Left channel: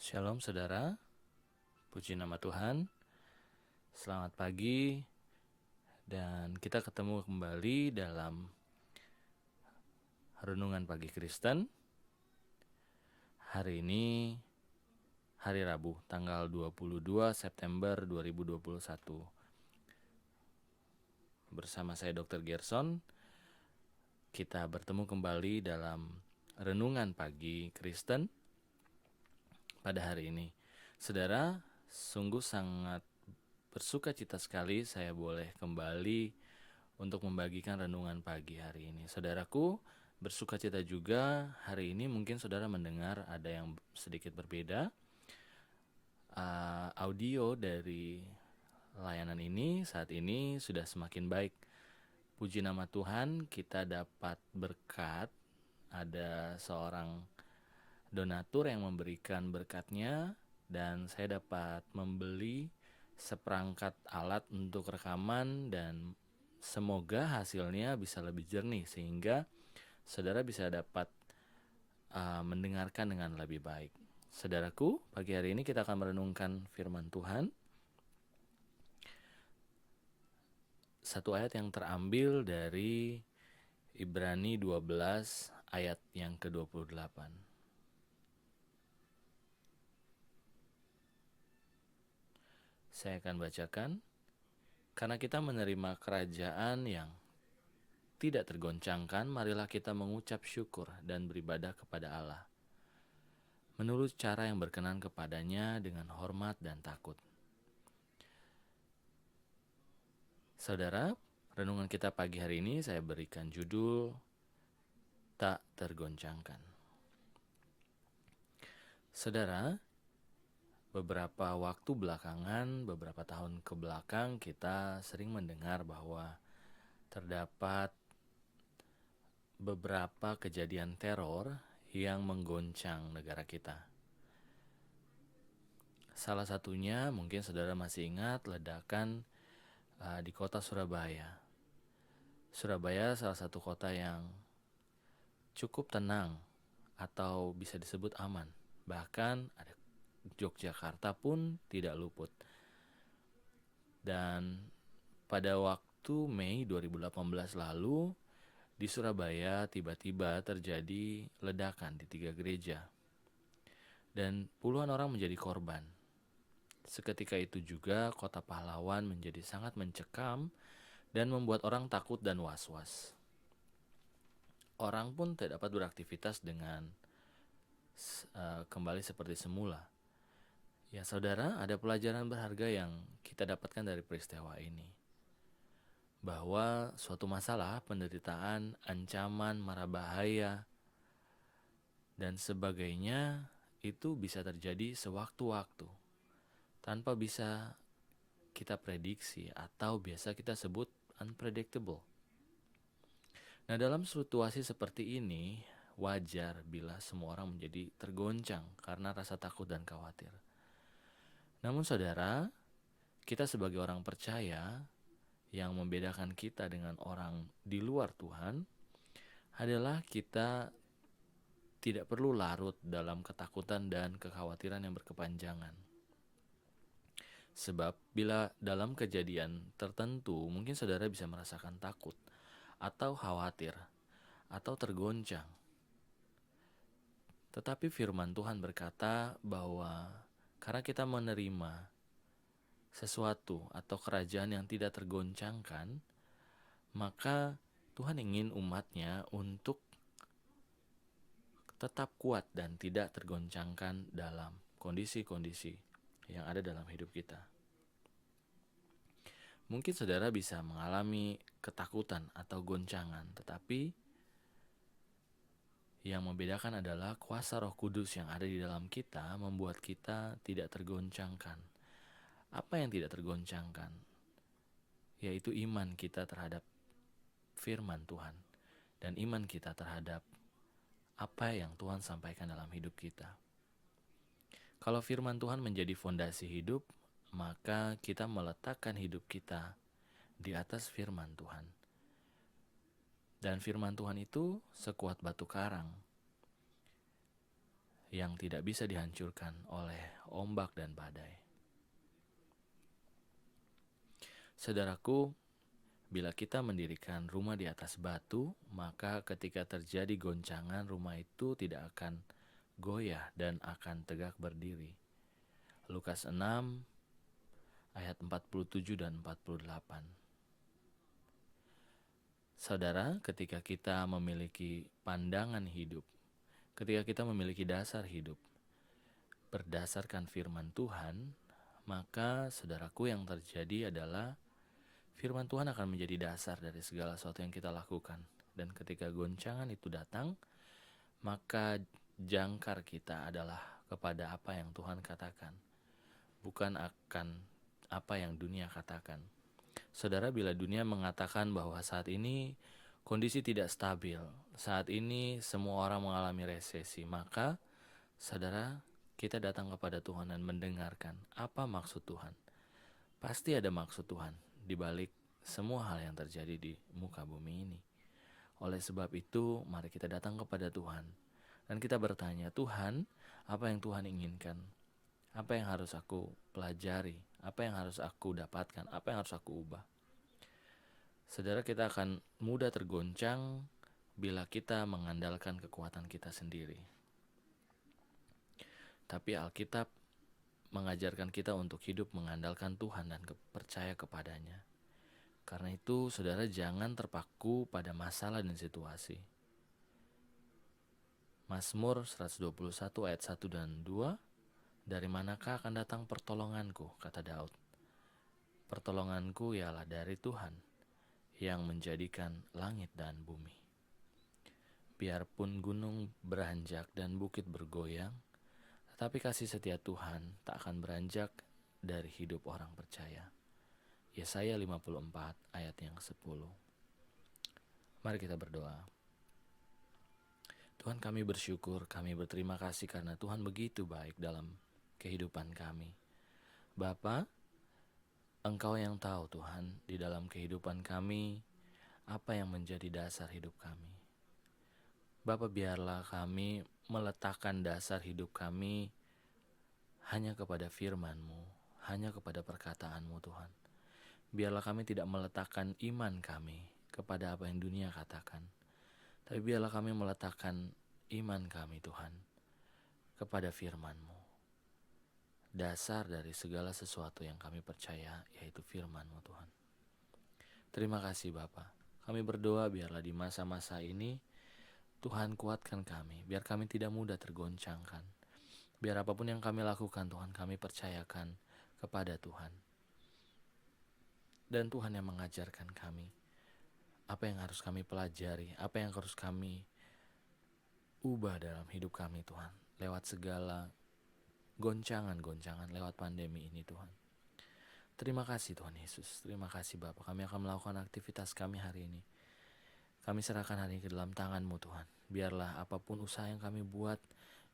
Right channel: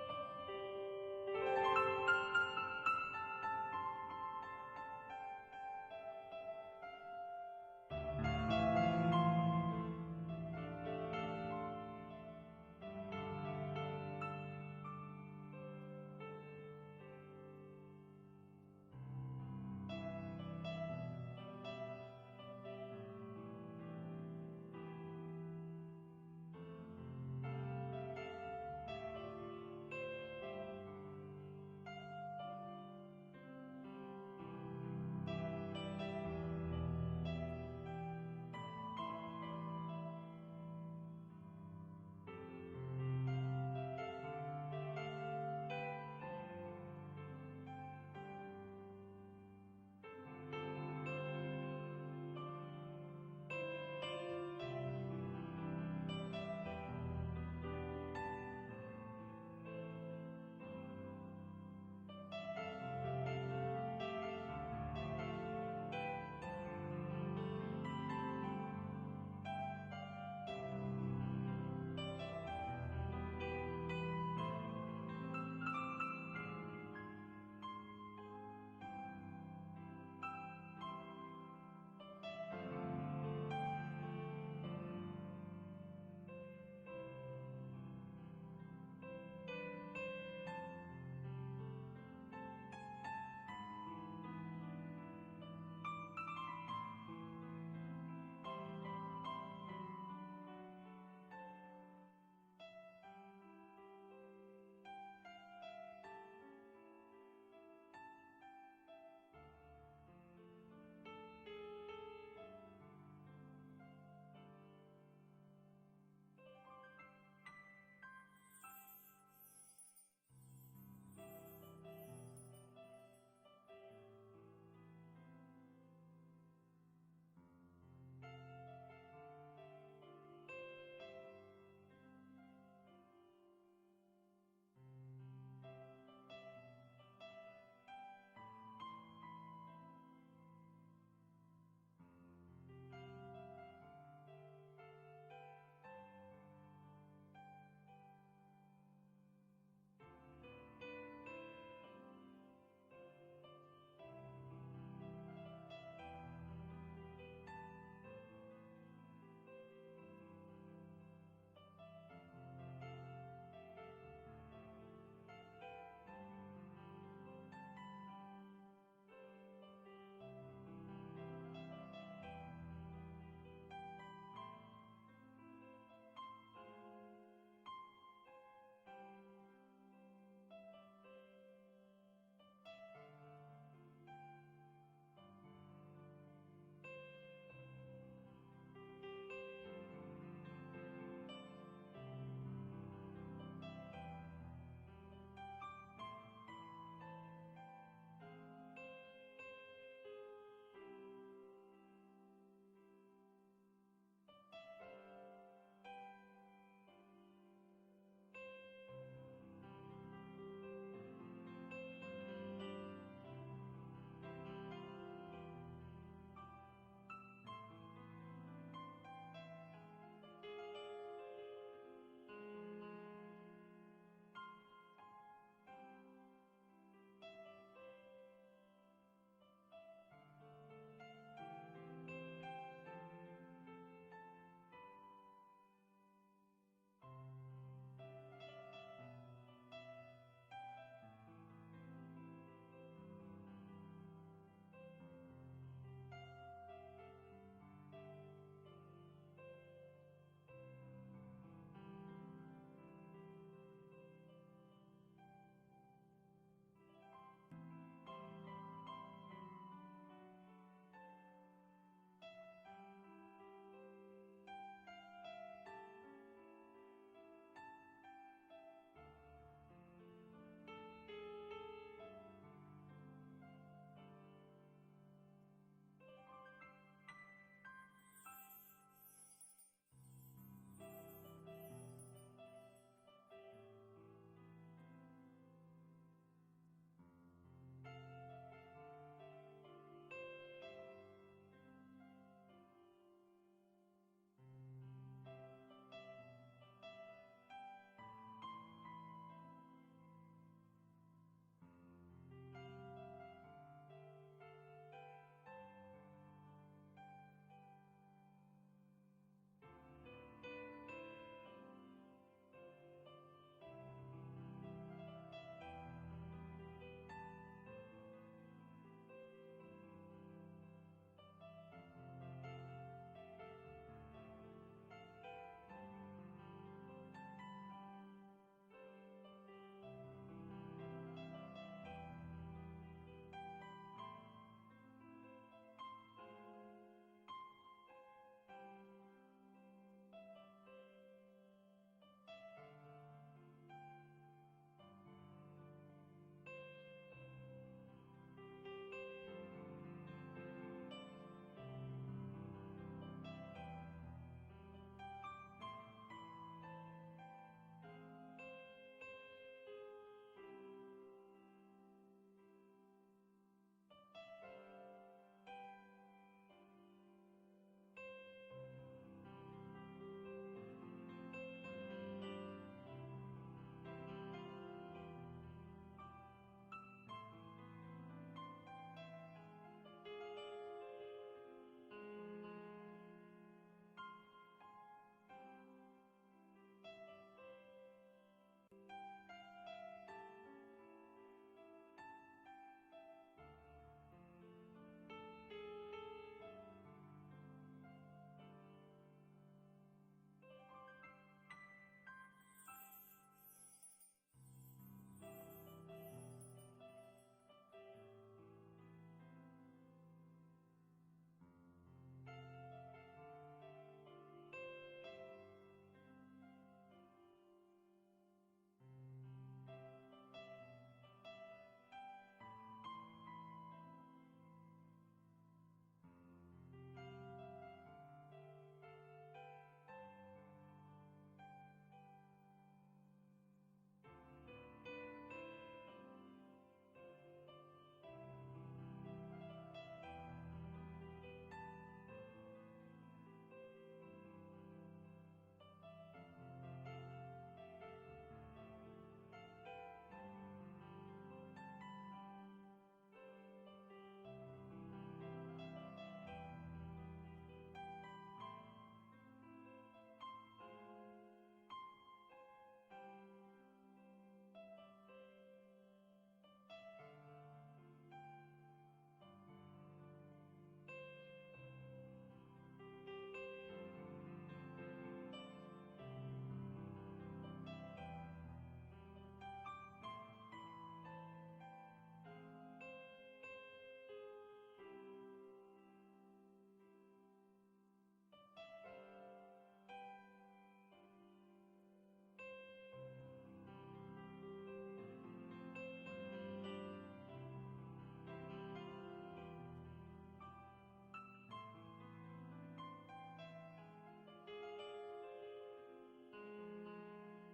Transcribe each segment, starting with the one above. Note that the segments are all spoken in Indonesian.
Shalom saudara, puji nama Tuhan. Selamat pagi dan kita ketemu kembali dalam Renungan Pagi Kristen. Hari ini hari Rabu, tanggal 22 September 2021. Bersama saya Dr. Gerson, kita bertemu kembali dalam Renungan Pagi Kristen pada hari ini. Saudara, sungguh sangat bersuka cita sekali saya boleh kembali untuk membagikan renungan pagi hari ini. Saudaraku, bersuka cita juga hari ini mungkin saudara mendengar ada yang sedikit berbeda. Audio dari layanan ini saat ini sudah semakin baik. Puji nama Tuhan, kita dapat berkat. Ada seorang donatur yang memberikan berkatnya dan saya dapat membeli seperangkat alat untuk rekaman dan semoga hasilnya bisa lebih jernih sehingga saudara bisa dapat mendengarkan dengan lebih baik. Saudaraku, pagi hari ini kita akan merenungkan firman Tuhan. Satu ayat yang terambil dari Ibrani 12 ayat yang ke-28. Saya akan bacakan. Karena kita menerima kerajaan yang tidak tergoncangkan, marilah kita mengucap syukur dan beribadah kepada Allah menurut cara yang berkenan kepadanya dengan hormat dan takut. Saudara, renungan kita pagi hari ini saya berikan judul Tak Tergoncangkan. Saudara, beberapa waktu belakangan, beberapa tahun ke belakang kita sering mendengar bahwa terdapat beberapa kejadian teror yang menggoncang negara kita. Salah satunya mungkin saudara masih ingat ledakan di kota Surabaya. Surabaya salah satu kota yang cukup tenang atau bisa disebut aman. Bahkan ada Yogyakarta pun tidak luput. Dan pada waktu Mei 2018 lalu di Surabaya tiba-tiba terjadi ledakan di 3 gereja dan puluhan orang menjadi korban. Seketika itu juga kota pahlawan menjadi sangat mencekam dan membuat orang takut dan was-was. Orang pun tidak dapat beraktivitas dengan kembali seperti semula. Ya saudara, ada pelajaran berharga yang kita dapatkan dari peristiwa ini. Bahwa suatu masalah, penderitaan, ancaman, mara bahaya, dan sebagainya itu bisa terjadi sewaktu-waktu tanpa bisa kita prediksi atau biasa kita sebut unpredictable. Nah, dalam situasi seperti ini wajar bila semua orang menjadi tergoncang karena rasa takut dan khawatir. Namun saudara, kita sebagai orang percaya, yang membedakan kita dengan orang di luar Tuhan adalah kita tidak perlu larut dalam ketakutan dan kekhawatiran yang berkepanjangan. Sebab bila dalam kejadian tertentu mungkin saudara bisa merasakan takut atau khawatir atau tergoncang. Tetapi firman Tuhan berkata bahwa karena kita menerima sesuatu atau kerajaan yang tidak tergoncangkan, maka Tuhan ingin umatnya untuk tetap kuat dan tidak tergoncangkan dalam kondisi-kondisi yang ada dalam hidup kita. Mungkin saudara bisa mengalami ketakutan atau goncangan, tetapi yang membedakan adalah kuasa Roh Kudus yang ada di dalam kita membuat kita tidak tergoncangkan. Apa yang tidak tergoncangkan? Yaitu iman kita terhadap firman Tuhan dan iman kita terhadap apa yang Tuhan sampaikan dalam hidup kita. Kalau firman Tuhan menjadi fondasi hidup, maka kita meletakkan hidup kita di atas firman Tuhan. Dan firman Tuhan itu sekuat batu karang yang tidak bisa dihancurkan oleh ombak dan badai. Saudaraku, bila kita mendirikan rumah di atas batu, maka ketika terjadi goncangan, rumah itu tidak akan goyah dan akan tegak berdiri. Lukas 6 ayat 47 dan 48. Saudara, ketika kita memiliki pandangan hidup, ketika kita memiliki dasar hidup berdasarkan firman Tuhan, maka saudaraku, yang terjadi adalah firman Tuhan akan menjadi dasar dari segala sesuatu yang kita lakukan. Dan ketika goncangan itu datang, maka jangkar kita adalah kepada apa yang Tuhan katakan, bukan akan apa yang dunia katakan. Saudara, bila dunia mengatakan bahwa saat ini kondisi tidak stabil, saat ini semua orang mengalami resesi, maka saudara, kita datang kepada Tuhan dan mendengarkan apa maksud Tuhan. Pasti ada maksud Tuhan di balik semua hal yang terjadi di muka bumi ini. Oleh sebab itu, mari kita datang kepada Tuhan dan kita bertanya, Tuhan, apa yang Tuhan inginkan? Apa yang harus aku pelajari? Apa yang harus aku dapatkan? Apa yang harus aku ubah? Saudara, kita akan mudah tergoncang bila kita mengandalkan kekuatan kita sendiri. Tapi Alkitab mengajarkan kita untuk hidup mengandalkan Tuhan dan percaya kepadanya. Karena itu, saudara, jangan terpaku pada masalah dan situasi. Mazmur 121 ayat 1 dan 2, dari manakah akan datang pertolonganku, kata Daud. Pertolonganku ialah dari Tuhan yang menjadikan langit dan bumi. Biarpun gunung beranjak dan bukit bergoyang, tetapi kasih setia Tuhan tak akan beranjak dari hidup orang percaya. Yesaya 54 ayat yang 10. Mari kita berdoa. Tuhan, kami bersyukur, kami berterima kasih karena Tuhan begitu baik dalam kehidupan kami. Bapa, Engkau yang tahu Tuhan di dalam kehidupan kami apa yang menjadi dasar hidup kami. Bapa, biarlah kami meletakkan dasar hidup kami hanya kepada firman-Mu, hanya kepada perkataan-Mu Tuhan. Biarlah kami tidak meletakkan iman kami kepada apa yang dunia katakan, tapi biarlah kami meletakkan iman kami Tuhan kepada firman-Mu. Dasar dari segala sesuatu yang kami percaya yaitu firman-Mu Tuhan. Terima kasih Bapa. Kami berdoa biarlah di masa-masa ini Tuhan kuatkan kami, biar kami tidak mudah tergoncangkan. Biar apapun yang kami lakukan Tuhan, kami percayakan kepada Tuhan. Dan Tuhan yang mengajarkan kami apa yang harus kami pelajari, apa yang harus kami ubah dalam hidup kami Tuhan, lewat segala goncangan-goncangan, lewat pandemi ini Tuhan. Terima kasih Tuhan Yesus, terima kasih Bapa. Kami akan melakukan aktivitas kami hari ini. Kami serahkan hari ini ke dalam tangan-Mu Tuhan. Biarlah apapun usaha yang kami buat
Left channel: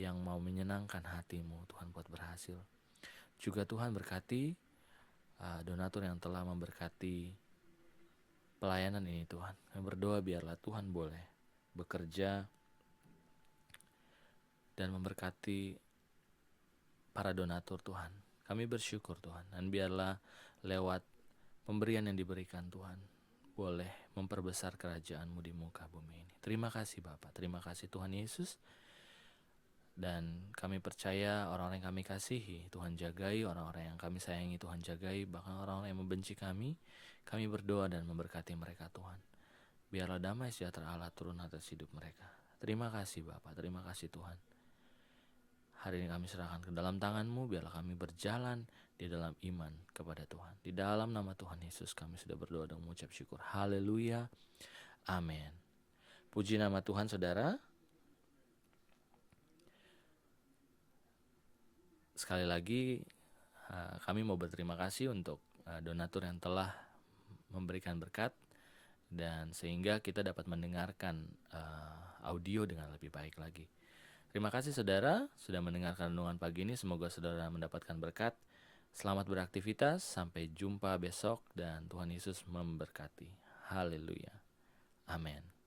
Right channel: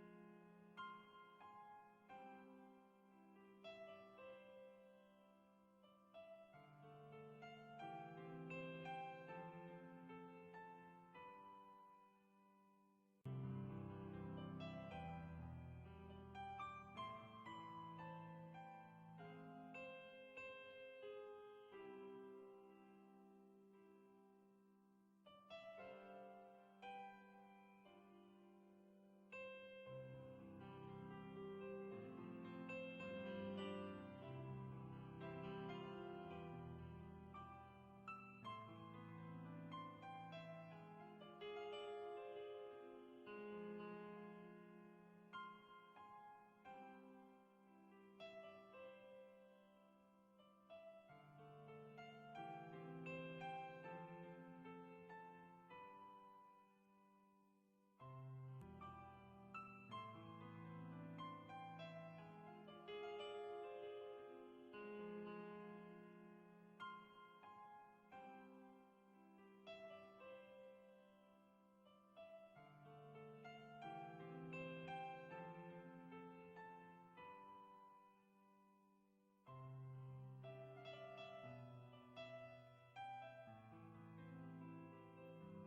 yang mau menyenangkan hati-Mu Tuhan, buat berhasil. Juga Tuhan berkati donatur yang telah memberkati pelayanan ini Tuhan. Kami berdoa biarlah Tuhan boleh bekerja dan memberkati para donatur Tuhan. Kami bersyukur Tuhan, dan biarlah lewat pemberian yang diberikan Tuhan boleh memperbesar kerajaan-Mu di muka bumi ini. Terima kasih Bapa, terima kasih Tuhan Yesus. Dan kami percaya orang-orang yang kami kasihi Tuhan jagai, orang-orang yang kami sayangi Tuhan jagai, bahkan orang-orang yang membenci kami berdoa dan memberkati mereka Tuhan. Biarlah damai sejahtera Allah turun atas hidup mereka. Terima kasih Bapa, terima kasih Tuhan. Hari ini kami serahkan ke dalam tangan-Mu, biarlah kami berjalan di dalam iman kepada Tuhan. Di dalam nama Tuhan Yesus kami sudah berdoa dan mengucap syukur. Haleluya, amin. Puji nama Tuhan saudara. Sekali lagi kami mau berterima kasih untuk donatur yang telah memberikan berkat, dan sehingga kita dapat mendengarkan audio dengan lebih baik lagi. Terima kasih saudara sudah mendengarkan renungan pagi ini. Semoga saudara mendapatkan berkat. Selamat beraktivitas, sampai jumpa besok dan Tuhan Yesus memberkati. Haleluya, amin.